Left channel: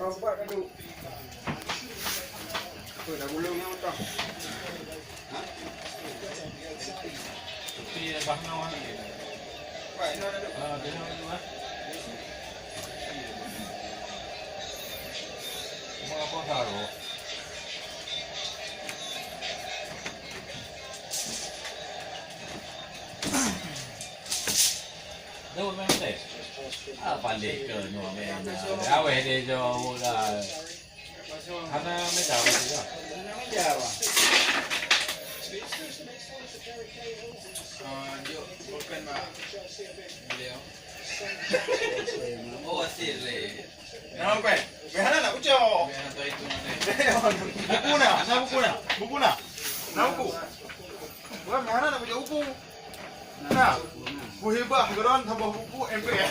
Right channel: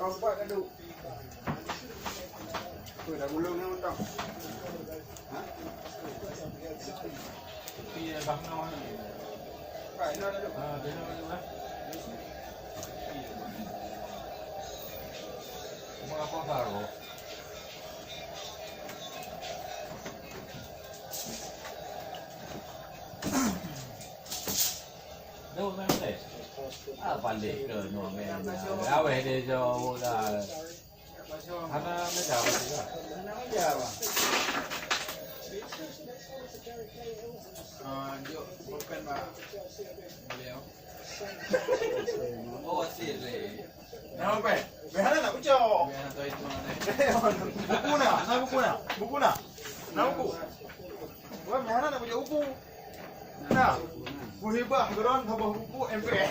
Rompak kan tu. Tu dah gulung ni utang. Ha? Tapi bangau ni. Baik, ni ada tu. Dia nak apa taruh? Đâu mà đây? Balik ke nyuam ni. Awak dia jauh lah. Hana mai jauh juga. Jauh. Dia bukan mak beliau. Oh, asyik leh. Kenapa? Behana nak ucap. Biar tu itu ni. Buku nak? Nak buku nak? Buku nak? Nak buku? Bukan behana nak baca buku. Nah, bu hebat geron tambah buku MPN.